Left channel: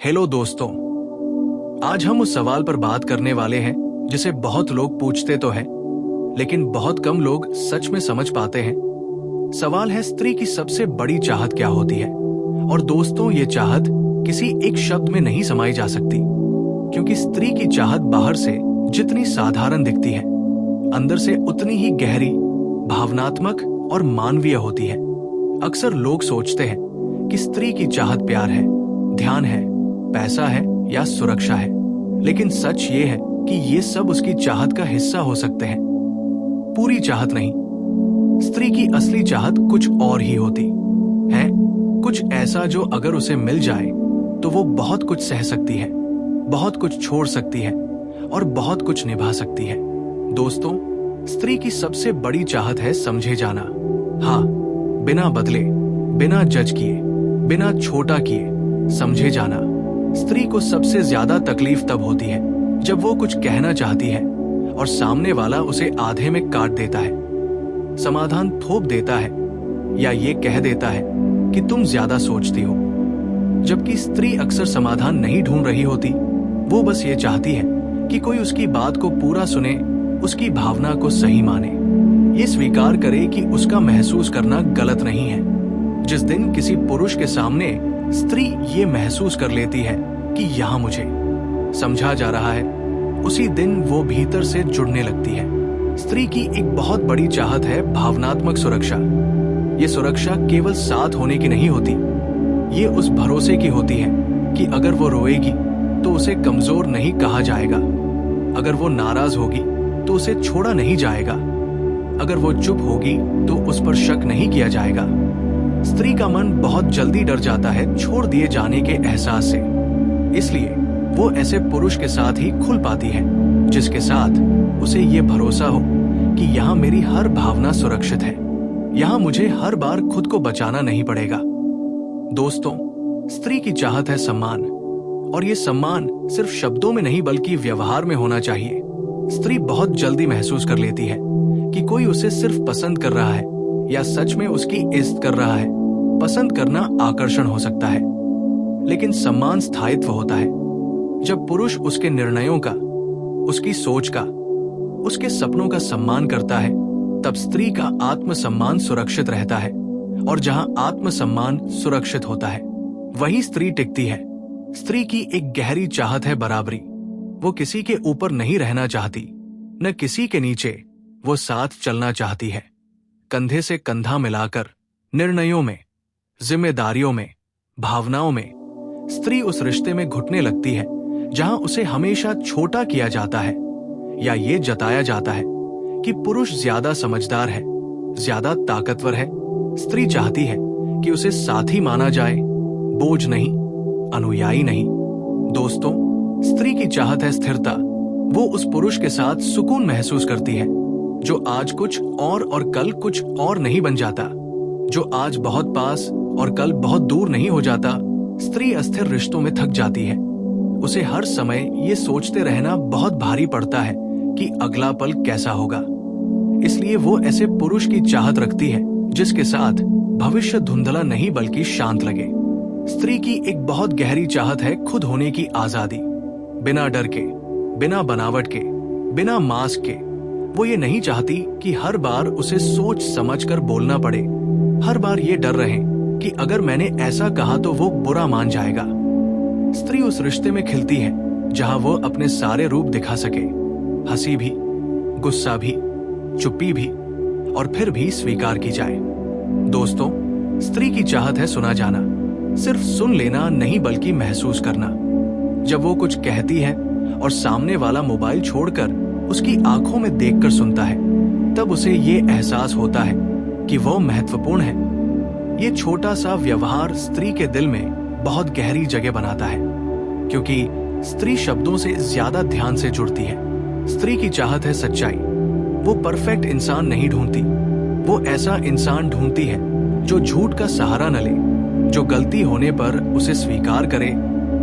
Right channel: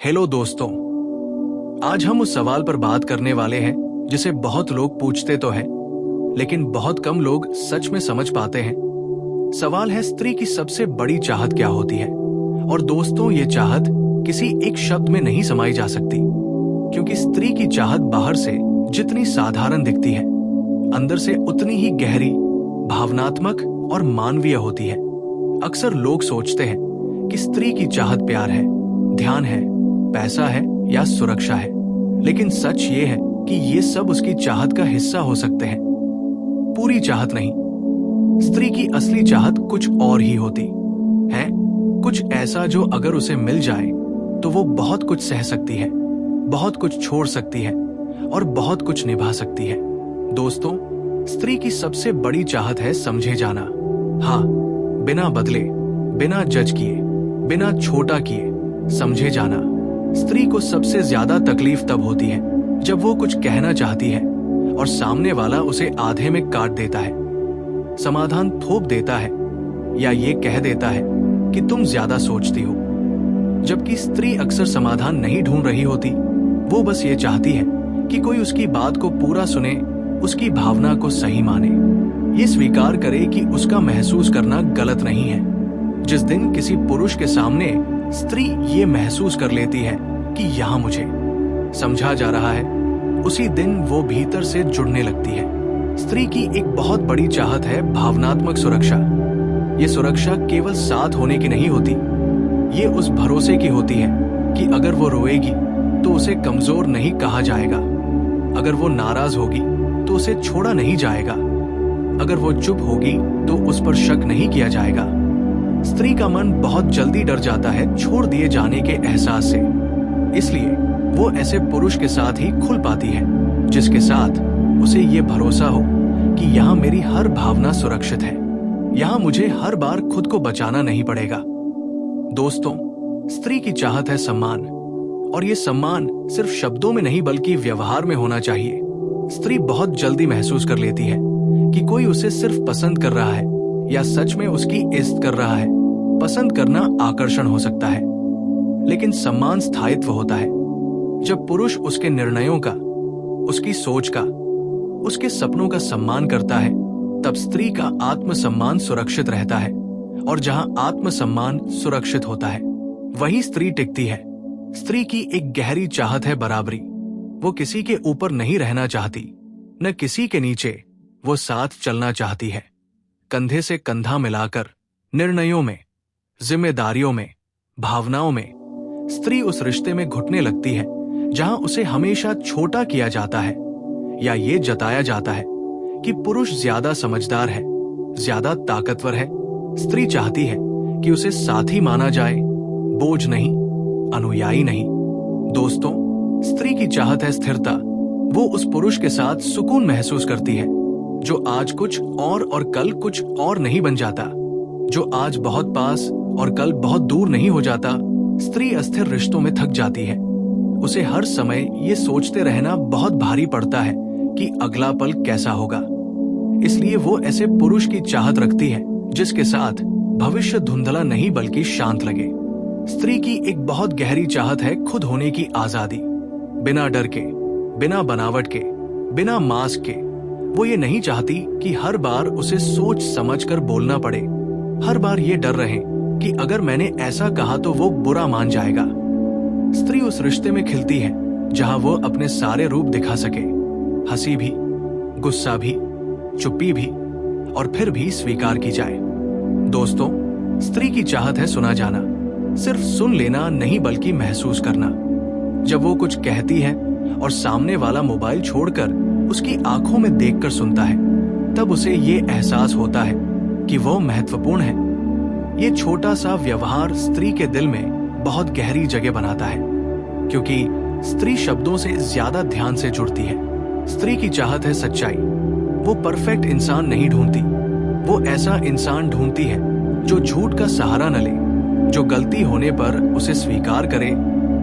Hello दोस्तों, आज हम उस सवाल पर बात करने वाले हैं जिसे बहुत लोग पूछते तो हैं, लेकिन बहुत कम लोग सच में समझ पाते हैं। सवाल है, स्त्री की सबसे बड़ी चाहत क्या होती है? और दोस्तों, ये चाहत किसी एक शब्द में नहीं समाई जा सकती, क्योंकि स्त्री की चाहत बाहर से जितनी साधारण दिखती है, अंदर से उतनी ही गहरी, भावनात्मक और मानवीय होती है। अक्सर लोग सोचते हैं कि स्त्री की चाहत प्यार है, ध्यान है, पैसा है या सुरक्षा है, लेकिन सच ये है कि ये सब उसकी चाहत का हिस्सा हो सकते हैं, पूरी चाहत नहीं। स्त्री की असली चाहत कुछ और ही होती है, कुछ ऐसा जो अगर उसे मिल जाए तो वो बहुत कुछ सह सकती है, बहुत कुछ छोड़ सकती है और बहुत कुछ निभा सकती है। दोस्तों, स्त्री की सबसे बड़ी चाहत है समझे जाना। हाँ, बिना बदले, बिना जज किए, बिना छोटा किए समझे जाना। स्त्री को सबसे ज्यादा तकलीफ तब होती है जब वो कुछ कहना चाहती है और सामने वाला उसे आधे में काट देता है, समाधान थोप देता है या ये कह देता है कि तुम ज्यादा सोचती हो। जबकि स्त्री अक्सर समाधान नहीं ढूंढ रही होती, वो बस ये चाहती है कि कोई उसकी बात को पूरा सुने, उसकी भावना को सही माने, ये स्वीकार करे कि उसका महसूस करना गलत नहीं है। जिस दिन किसी पुरुष के सामने स्त्री ये महसूस कर लेती है कि यहाँ मुझे समझा जा रहा है, उसी दिन वो भीतर से जुड़ने लगती है। स्त्री की एक बहुत बड़ी चाहत है भावनात्मक सुरक्षा। ये सुरक्षा केवल साथ होने की नहीं होती, ये उस भरोसे की होती है कि अगर वो रोएगी तो उसे कमजोर नहीं कहा जाएगा, अगर वो नाराज होगी तो उसे छोड़ा नहीं जाएगा, अगर वो चुप होगी तो उस पर शक नहीं किया जाएगा। स्त्री का मन बहुत जल्दी डर जाता है छोड़ दिए जाने के एहसास से, इसलिए वो ऐसे पुरुष के साथ ही खुल पाती है जिसके साथ उसे ये भरोसा हो कि यहाँ मेरी हर भावना सुरक्षित है, यहाँ मुझे हर बार खुद को बचाना नहीं पड़ेगा। दोस्तों, स्त्री की चाहत है सम्मान, और ये सम्मान सिर्फ शब्दों में नहीं बल्कि व्यवहार में होना चाहिए। स्त्री बहुत जल्दी महसूस कर लेती है कि कोई उसे सिर्फ पसंद कर रहा है या सच में उसकी इज्जत कर रहा है। पसंद करना आकर्षण हो सकता है, लेकिन सम्मान स्थायित्व होता है। जब पुरुष उसके निर्णयों का, उसकी सोच का, उसके सपनों का सम्मान करता है, तब स्त्री का आत्मसम्मान सुरक्षित रहता है, और जहां आत्मसम्मान सुरक्षित होता है वहीं स्त्री टिकती है। स्त्री की एक गहरी चाहत है बराबरी। वो किसी के ऊपर नहीं रहना चाहती, न किसी के नीचे। वो साथ चलना चाहती है, कंधे से कंधा मिलाकर, निर्णयों में, जिम्मेदारियों में, भावनाओं में। स्त्री उस रिश्ते में घुटने लगती है जहां उसे हमेशा छोटा किया जाता है या ये जताया जाता है कि पुरुष ज्यादा समझदार है, ज्यादा ताकतवर है। स्त्री चाहती है कि उसे साथी माना जाए, बोझ नहीं, अनुयायी नहीं। दोस्तों, स्त्री की चाहत है स्थिरता। वो उस पुरुष के साथ सुकून महसूस करती है जो आज कुछ और कल कुछ और नहीं बन जाता, जो आज बहुत पास और कल बहुत दूर नहीं हो जाता। स्त्री अस्थिर रिश्तों में थक जाती है। उसे हर समय ये सोचते रहना बहुत भारी पड़ता है कि अगला पल कैसा होगा। इसलिए वो ऐसे पुरुष की चाहत रखती है जिसके साथ भविष्य धुंधला नहीं बल्कि शांत लगे। स्त्री की एक बहुत गहरी चाहत है खुद होने की आजादी, बिना डर के, बिना बनावट के, बिना मास्क के। वो ये नहीं चाहती कि हर बार उसे सोच समझ कर बोलना पड़े, हर बार ये डर रहे कि अगर मैंने ऐसा कहा तो वो बुरा मान जाएगा। स्त्री उस रिश्ते में खिलती है जहां वो अपने सारे रूप दिखा सके, हंसी भी, गुस्सा भी, चुप्पी भी, और फिर भी स्वीकार की जाए। दोस्तों, स्त्री की चाहत है सुना जाना, सिर्फ सुन लेना नहीं बल्कि महसूस करना। जब वो कुछ कहती है और सामने वाला मोबाइल छोड़कर उसकी आंखों में देखकर सुनता है, तब उसे ये एहसास होता है कि वो महत्वपूर्ण है। ये छोटा सा व्यवहार स्त्री के दिल में बहुत गहरी जगह बनाता है, क्योंकि स्त्री शब्दों से ज्यादा ध्यान से जुड़ती है। स्त्री की चाहत है सच्चाई। वो परफेक्ट इंसान नहीं ढूंढती, वो ऐसा इंसान ढूंढती है जो झूठ का सहारा न ले, जो गलती होने पर उसे स्वीकार करे,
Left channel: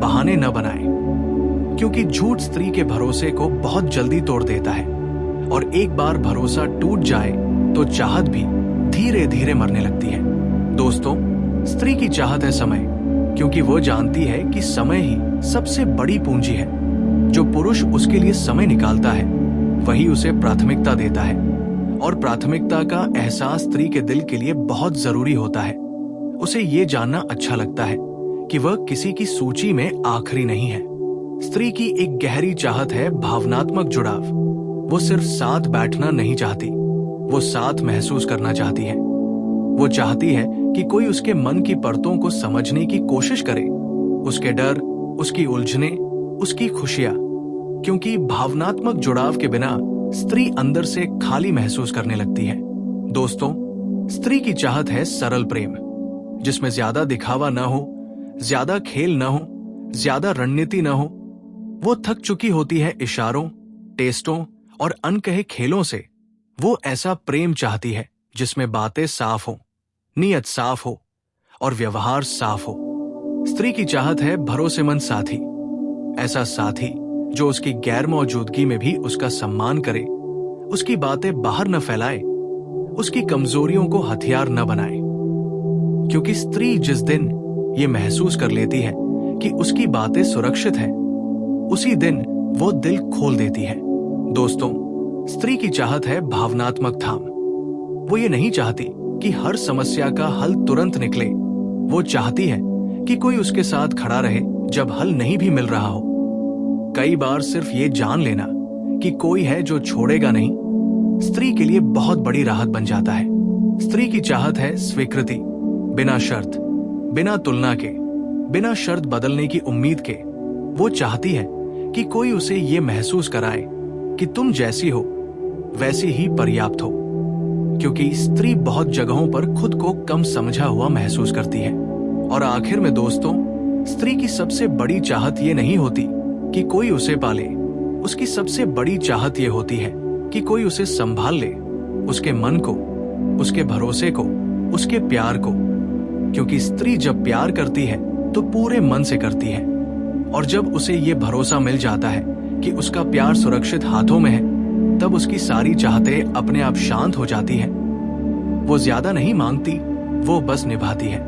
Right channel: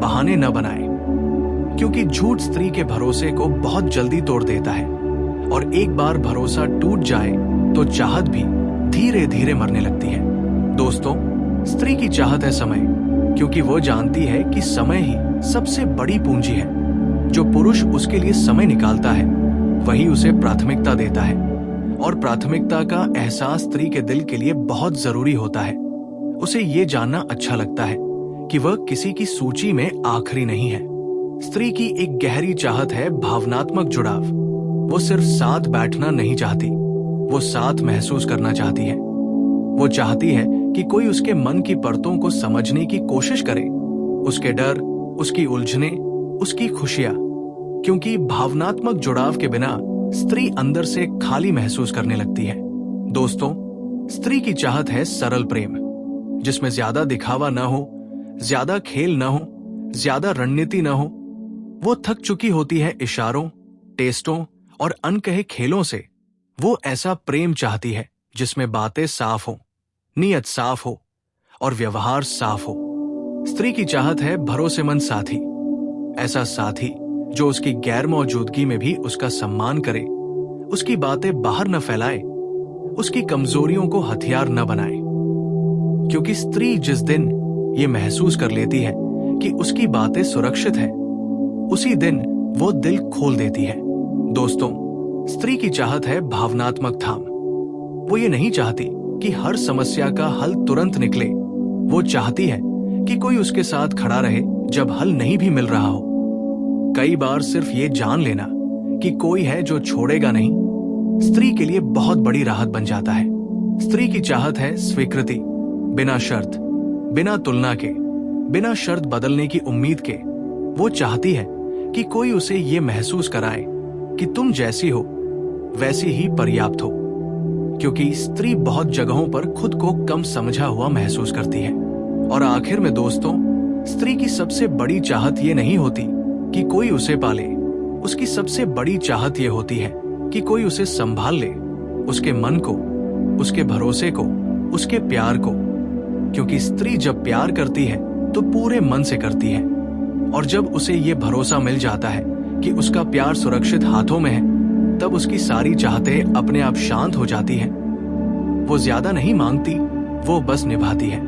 बहाने न बनाए। क्योंकि झूठ स्त्री के भरोसे को बहुत जल्दी तोड़ देता है, और एक बार भरोसा टूट जाए तो चाहत भी धीरे धीरे मरने लगती है। दोस्तों, स्त्री की चाहत है समय। क्योंकि वो जानती है कि समय ही सबसे बड़ी पूंजी है। जो पुरुष उसके लिए समय निकालता है वही उसे प्राथमिकता देता है, और प्राथमिकता का एहसास स्त्री के दिल के लिए बहुत जरूरी होता है। उसे ये जानना अच्छा लगता है कि वह किसी की सूची में आखिरी नहीं है। स्त्री की एक गहरी चाहत है भावनात्मक जुड़ाव। वो सिर्फ साथ बैठना नहीं चाहती, वो साथ महसूस करना चाहती है। वो चाहती है कि कोई उसके मन की परतों को समझने की कोशिश करे, उसके डर, उसकी उलझने, उसकी खुशियां। क्योंकि भावनात्मक जुड़ाव के बिना स्त्री अंदर से खाली महसूस करने लगती है। दोस्तों, स्त्री की चाहत है सरल प्रेम, जिसमें ज्यादा दिखावा न हो, ज्यादा खेल न हो, ज्यादा रणनीति न हो। वो थक चुकी होती है इशारों, टेस्टों और अनकहे खेलों से। वो ऐसा प्रेम चाहती है जिसमें बातें साफ हो, नीयत साफ हो और व्यवहार साफ हो। स्त्री की चाहत है भरोसेमंद साथी, ऐसा साथी जो उसकी गैर मौजूदगी में भी उसका सम्मान करे, उसकी बातें बाहर न फैलाए, उसकी कमजोरियों को हथियार न बनाए। क्योंकि स्त्री जिस दिन ये महसूस कर लेती है कि उसकी बातें सुरक्षित है, उसी दिन वो दिल खोल देती है। दोस्तों, स्त्री की चाहत है भावनात्मक थाम। वो ये नहीं चाहती कि हर समस्या का हल तुरंत निकले। वो चाहती है कि कोई उसके साथ खड़ा रहे जब हल नहीं भी मिल रहा हो। कई बार सिर्फ ये जान लेना कि कोई है जो छोड़ेगा नहीं, स्त्री के लिए बहुत बड़ी राहत बन जाता है। स्त्री की चाहत है स्वीकृति, बिना शर्त, बिना तुलना के, बिना शर्त बदलने की उम्मीद के। वो चाहती है कि कोई उसे ये महसूस कराए कि तुम जैसी हो वैसी ही पर्याप्त हो। क्योंकि स्त्री बहुत जगहों पर खुद को कम समझा हुआ महसूस करती है। और आखिर में दोस्तों, स्त्री की सबसे बड़ी चाहत ये नहीं होती कि कोई उसे पाले। उसकी सबसे बड़ी चाहत ये होती है कि कोई उसे संभाल ले, उसके मन को, उसके भरोसे को, उसके प्यार को। क्योंकि स्त्री जब प्यार करती है तो पूरे मन से करती है, और जब उसे ये भरोसा मिल जाता है कि उसका प्यार सुरक्षित हाथों में है, तब उसकी सारी चाहतें अपने आप शांत हो जाती हैं। वो ज्यादा नहीं मांगती, वो बस निभाती है।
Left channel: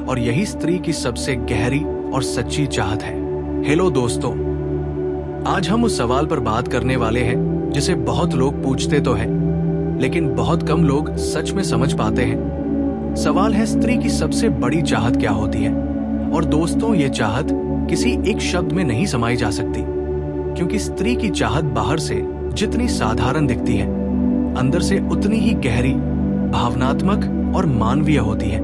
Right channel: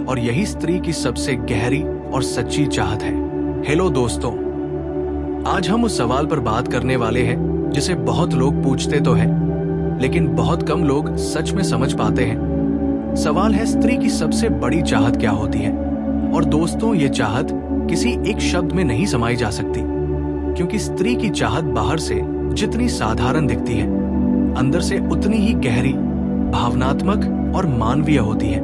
और यही स्त्री की सबसे गहरी और सच्ची चाहत है। हेलो दोस्तों, आज हम उस सवाल पर बात करने वाले हैं जिसे बहुत लोग पूछते तो हैं, लेकिन बहुत कम लोग सच में समझ पाते हैं। सवाल है, स्त्री की सबसे बड़ी चाहत क्या होती है? और दोस्तों, ये चाहत किसी एक शब्द में नहीं समाई जा सकती, क्योंकि स्त्री की चाहत बाहर से जितनी साधारण दिखती है, अंदर से उतनी ही गहरी, भावनात्मक और मानवीय होती है।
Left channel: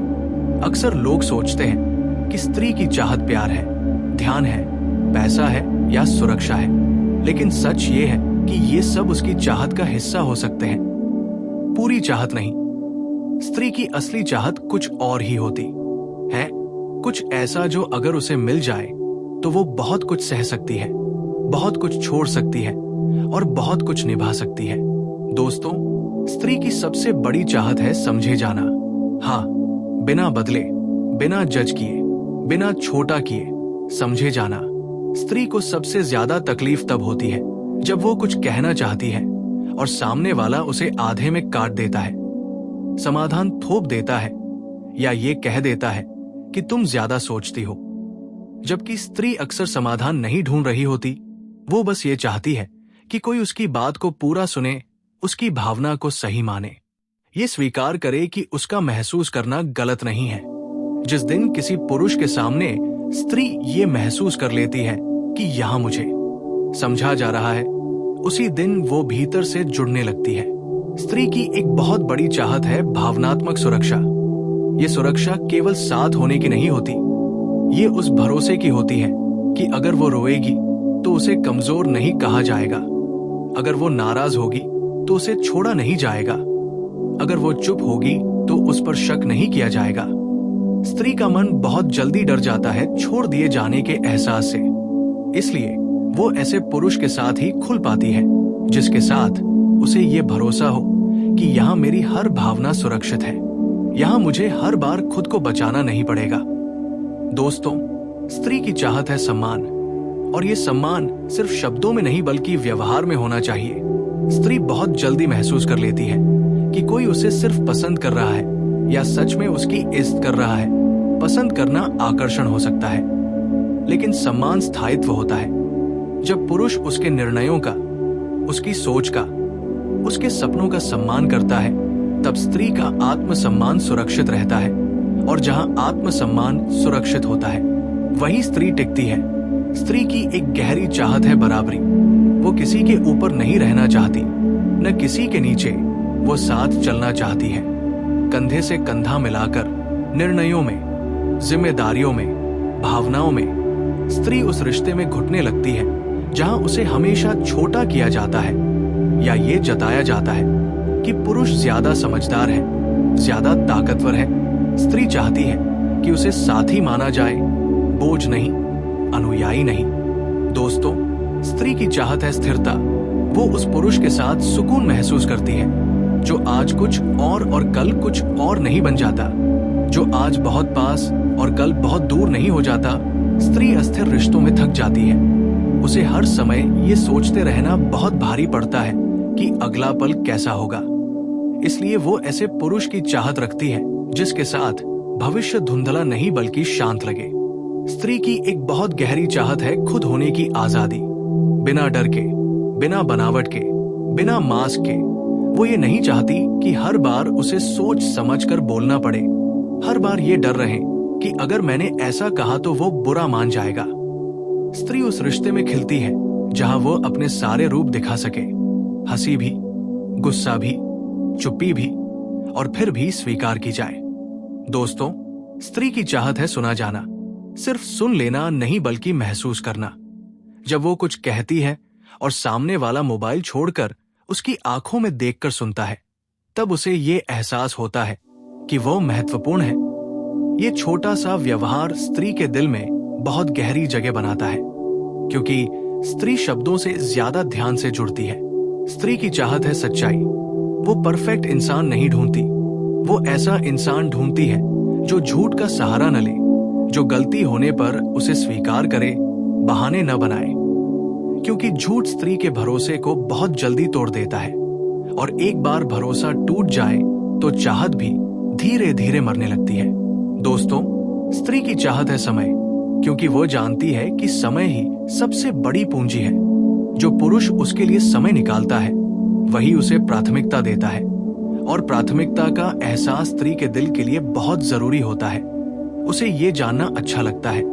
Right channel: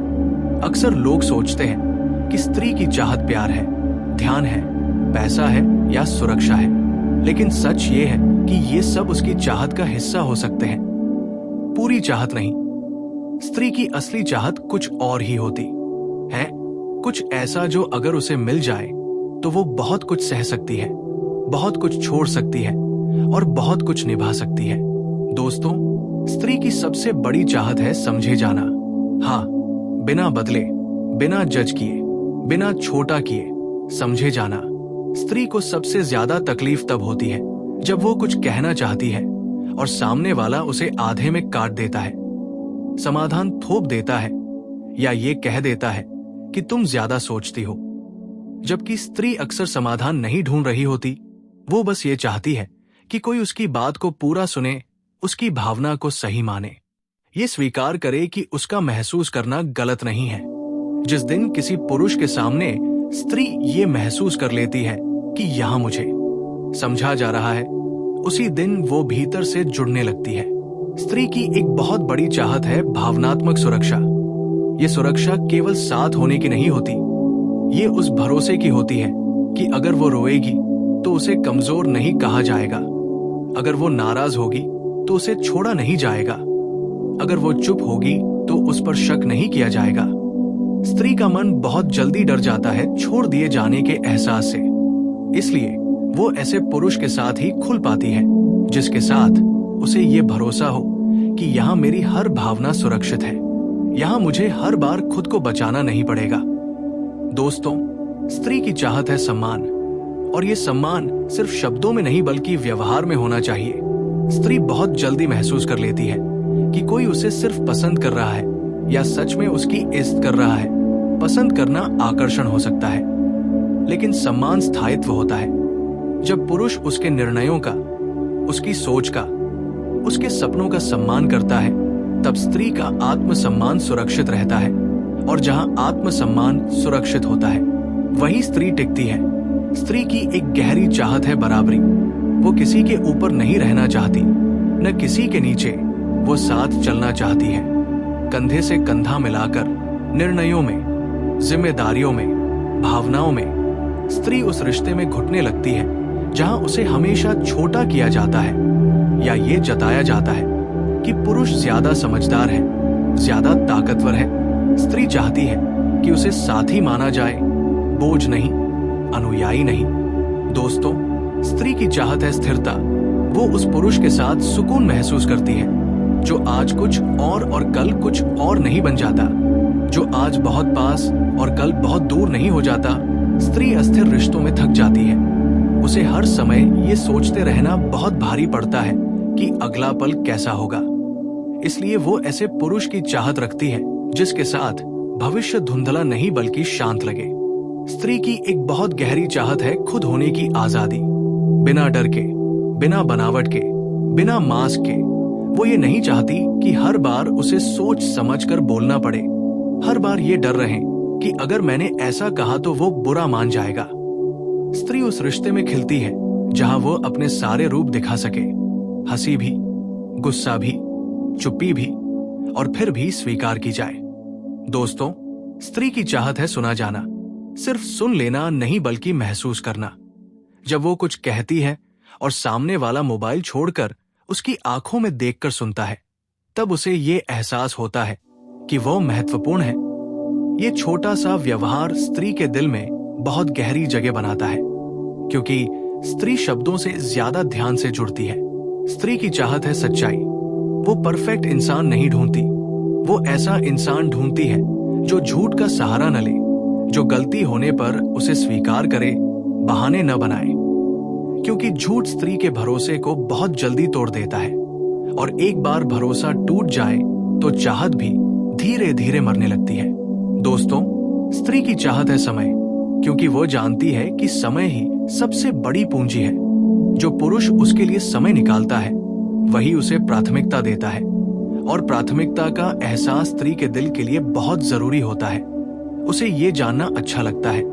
अक्सर लोग सोचते हैं कि स्त्री की चाहत प्यार है, ध्यान है, पैसा है या सुरक्षा है, लेकिन सच ये है कि ये सब उसकी चाहत का हिस्सा हो सकते हैं, पूरी चाहत नहीं। स्त्री की असली चाहत कुछ और ही होती है, कुछ ऐसा जो अगर उसे मिल जाए तो वो बहुत कुछ सह सकती है, बहुत कुछ छोड़ सकती है और बहुत कुछ निभा सकती है। दोस्तों, स्त्री की सबसे बड़ी चाहत है समझे जाना। हाँ, बिना बदले, बिना जज किए, बिना छोटा किए, समझे जाना। स्त्री को सबसे ज्यादा तकलीफ तब होती है जब वो कुछ कहना चाहती है और सामने वाला उसे आधे में काट देता है, समाधान थोप देता है या ये कह देता है कि तुम ज्यादा सोचती हो। जबकि स्त्री अक्सर समाधान नहीं ढूंढ रही होती, वो बस ये चाहती है कि कोई उसकी बात को पूरा सुने, उसकी भावना को सही माने, ये स्वीकार करे कि उसका महसूस करना गलत नहीं है। जिस दिन किसी पुरुष के सामने स्त्री ये महसूस कर लेती है कि यहां मुझे समझा जा रहा है, उसी दिन वो भीतर से जुड़ने लगती है। स्त्री की एक बहुत बड़ी चाहत है भावनात्मक सुरक्षा। ये सुरक्षा केवल साथ होने की नहीं होती, ये उस भरोसे की होती है कि अगर वो रोएगी तो उसे कमजोर नहीं कहा जाएगा, अगर वो नाराज होगी तो उसे छोड़ा नहीं जाएगा, अगर वो चुप होगी तो उस पर शक नहीं किया जाएगा। स्त्री का मन बहुत जल्दी डर जाता है छोड़ दिए जाने के एहसास से, इसलिए वो ऐसे पुरुष के साथ ही खुल पाती है जिसके साथ उसे ये भरोसा हो कि यहाँ मेरी हर भावना सुरक्षित है, यहाँ मुझे हर बार खुद को बचाना नहीं पड़ेगा। दोस्तों, स्त्री की चाहत है सम्मान, और ये सम्मान सिर्फ शब्दों में नहीं बल्कि व्यवहार में होना चाहिए। स्त्री बहुत जल्दी महसूस कर लेती है कि कोई उसे सिर्फ पसंद कर रहा है या सच में उसकी इज्जत कर रहा है। पसंद करना आकर्षण हो सकता है, लेकिन सम्मान स्थायित्व होता है। जब पुरुष उसके निर्णयों का, उसकी सोच का, उसके सपनों का सम्मान करता है, तब स्त्री का आत्मसम्मान सुरक्षित रहता है। और जहां आत्मसम्मान सुरक्षित होता है, वहीं स्त्री टिकती है। स्त्री की एक गहरी चाहत है बराबरी। वो किसी के ऊपर नहीं रहना चाहती, न किसी के नीचे। वो साथ चलना चाहती है, कंधे से कंधा मिलाकर, निर्णयों में, जिम्मेदारियों में, भावनाओं में। स्त्री उस रिश्ते में घुटने लगती है जहां उसे हमेशा छोटा किया जाता है, या ये जताया जाता है कि पुरुष ज्यादा समझदार है, ज्यादा ताकतवर है। स्त्री चाहती है कि उसे साथी माना जाए, बोझ नहीं, अनुयायी नहीं। दोस्तों, स्त्री की चाहत है स्थिरता। वो उस पुरुष के साथ सुकून महसूस करती है जो आज कुछ और कल कुछ और नहीं बन जाता, जो आज बहुत पास और कल बहुत दूर नहीं हो जाता। स्त्री अस्थिर रिश्तों में थक जाती है। उसे हर समय ये सोचते रहना बहुत भारी पड़ता है कि अगला पल कैसा होगा। इसलिए वो ऐसे पुरुष की चाहत रखती है जिसके साथ भविष्य धुंधला नहीं बल्कि शांत लगे। स्त्री की एक बहुत गहरी चाहत है खुद होने की आजादी, बिना डर के, बिना बनावट के, बिना मास्क के। वो ये नहीं चाहती कि हर बार उसे सोच समझकर बोलना पड़े, हर बार ये डर रहे कि अगर मैंने ऐसा कहा तो वो बुरा मान जाएगा। स्त्री उस रिश्ते में खिलती है जहां वो अपने सारे रूप दिखा सके, हंसी भी, गुस्सा भी, चुप्पी भी, और फिर भी स्वीकार की जाए। दोस्तों, स्त्री की चाहत है सुना जाना, सिर्फ सुन लेना नहीं बल्कि महसूस करना। जब वो कुछ कहती है और सामने वाला मोबाइल छोड़कर उसकी आंखों में देखकर सुनता है, तब उसे ये एहसास होता है कि वो महत्वपूर्ण है। ये छोटा सा व्यवहार स्त्री के दिल में बहुत गहरी जगह बनाता है, क्योंकि स्त्री शब्दों से ज्यादा ध्यान से जुड़ती है। स्त्री की चाहत है सच्चाई। वो परफेक्ट इंसान नहीं ढूंढती, वो ऐसा इंसान ढूंढती है जो झूठ का सहारा न ले, जो गलती होने पर उसे स्वीकार करे, बहाने न बनाए। क्योंकि झूठ स्त्री के भरोसे को बहुत जल्दी तोड़ देता है, और एक बार भरोसा टूट जाए तो चाहत भी धीरे धीरे मरने लगती है। दोस्तों, स्त्री की चाहत है समय, क्योंकि वो जानती है कि समय ही सबसे बड़ी पूंजी है। जो पुरुष उसके लिए समय निकालता है, वही उसे प्राथमिकता देता है, और प्राथमिकता का एहसास स्त्री के दिल के लिए बहुत जरूरी होता है। उसे ये जानना अच्छा लगता है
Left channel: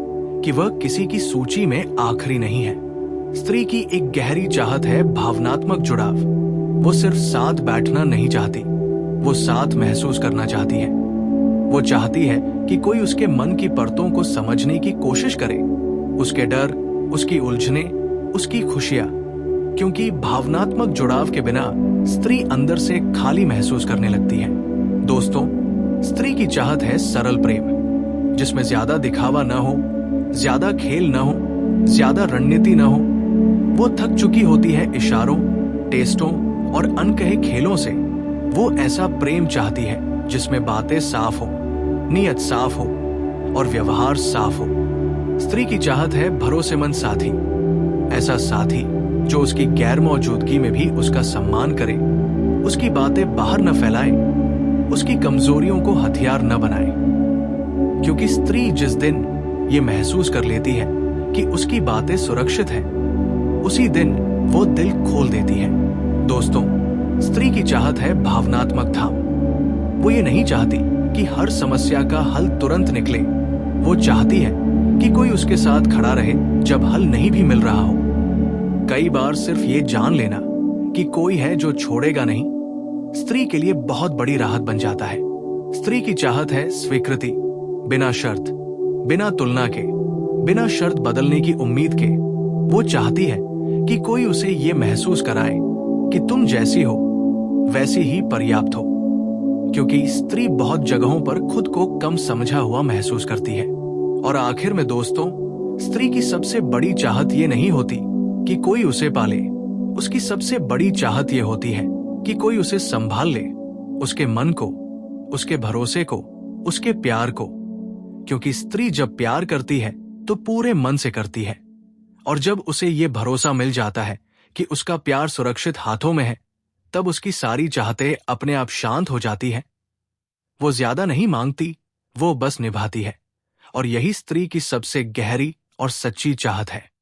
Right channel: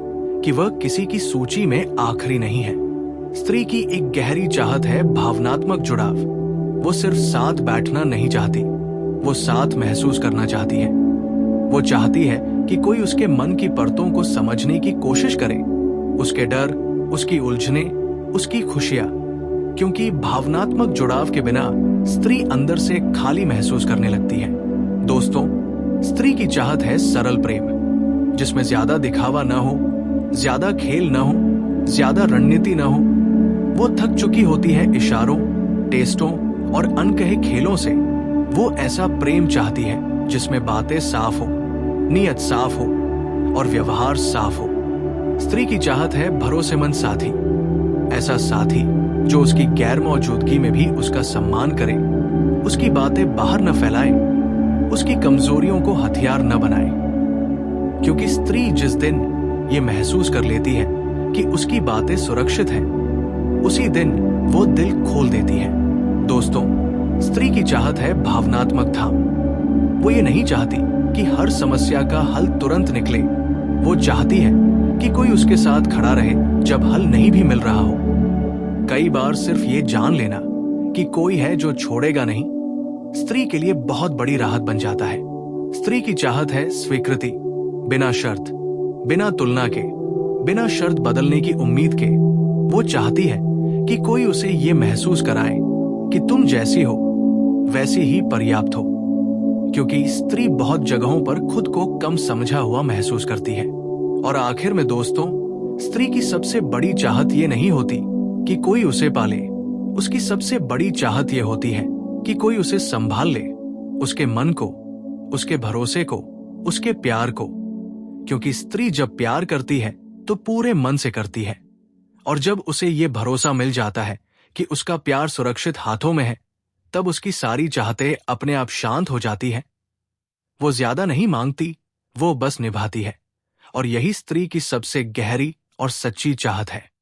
कि वह किसी की सूची में आखिरी नहीं है। स्त्री की एक गहरी चाहत है भावनात्मक जुड़ाव। वो सिर्फ साथ बैठना नहीं चाहती, वो साथ महसूस करना चाहती है। वो चाहती है कि कोई उसके मन की परतों को समझने की कोशिश करे, उसके डर, उसकी उलझने, उसकी खुशियां। क्योंकि भावनात्मक जुड़ाव के बिना स्त्री अंदर से खाली महसूस करने लगती है। दोस्तों, स्त्री की चाहत है सरल प्रेम, जिसमें ज्यादा दिखावा न हो, ज्यादा खेल न हो, ज्यादा रणनीति न हो। वो थक चुकी होती है इशारों, टेस्टों और अनकहे खेलों से। वो ऐसा प्रेम चाहती है जिसमें बातें साफ हो, नीयत साफ हो और व्यवहार साफ हो। स्त्री की चाहत है भरोसेमंद साथी, ऐसा साथी जो उसकी गैर मौजूदगी में भी उसका सम्मान करे, उसकी बातें बाहर न फैलाए, उसकी कमजोरियों को हथियार न बनाए। क्योंकि स्त्री जिस दिन ये महसूस कर लेती है कि उसकी बातें सुरक्षित हैं, उसी दिन वो दिल खोल देती है। दोस्तों, स्त्री की चाहत है भावनात्मक थाम। वो ये नहीं चाहती कि हर समस्या का हल तुरंत निकले। वो चाहती है कि कोई उसके साथ खड़ा रहे जब हल नहीं भी मिल रहा हो। कई बार सिर्फ ये जान लेना कि कोई है जो छोड़ेगा नहीं, स्त्री के लिए बहुत बड़ी राहत बन जाता है। स्त्री की चाहत है स्वीकृति, बिना शर्त, बिना तुलना के, बिना शर्त बदलने की उम्मीद के। वो चाहती है कि कोई उसे ये महसूस कराए कि तुम जैसी हो वैसी ही पर्याप्त हो। क्योंकि स्त्री बहुत जगहों पर खुद को कम समझा हुआ महसूस करती है। और आखिर में दोस्तों, स्त्री की सबसे बड़ी चाहत ये नहीं होती कि कोई उसे पाले। उसकी सबसे बड़ी चाहत ये होती है कि कोई उसे संभाल ले, उसके मन को, उसके भरोसे को, उसके प्यार को। क्योंकि स्त्री जब प्यार करती है तो पूरे मन से करती है, और जब उसे ये भरोसा मिल जाता है कि उसका प्यार सुरक्षित हाथों में है, तब उसकी सारी चाहतें अपने आप शांत हो जाती है। वो ज्यादा नहीं मांगती, वो बस निभाती है। और यही स्त्री की सबसे गहरी और सच्ची चाहत है।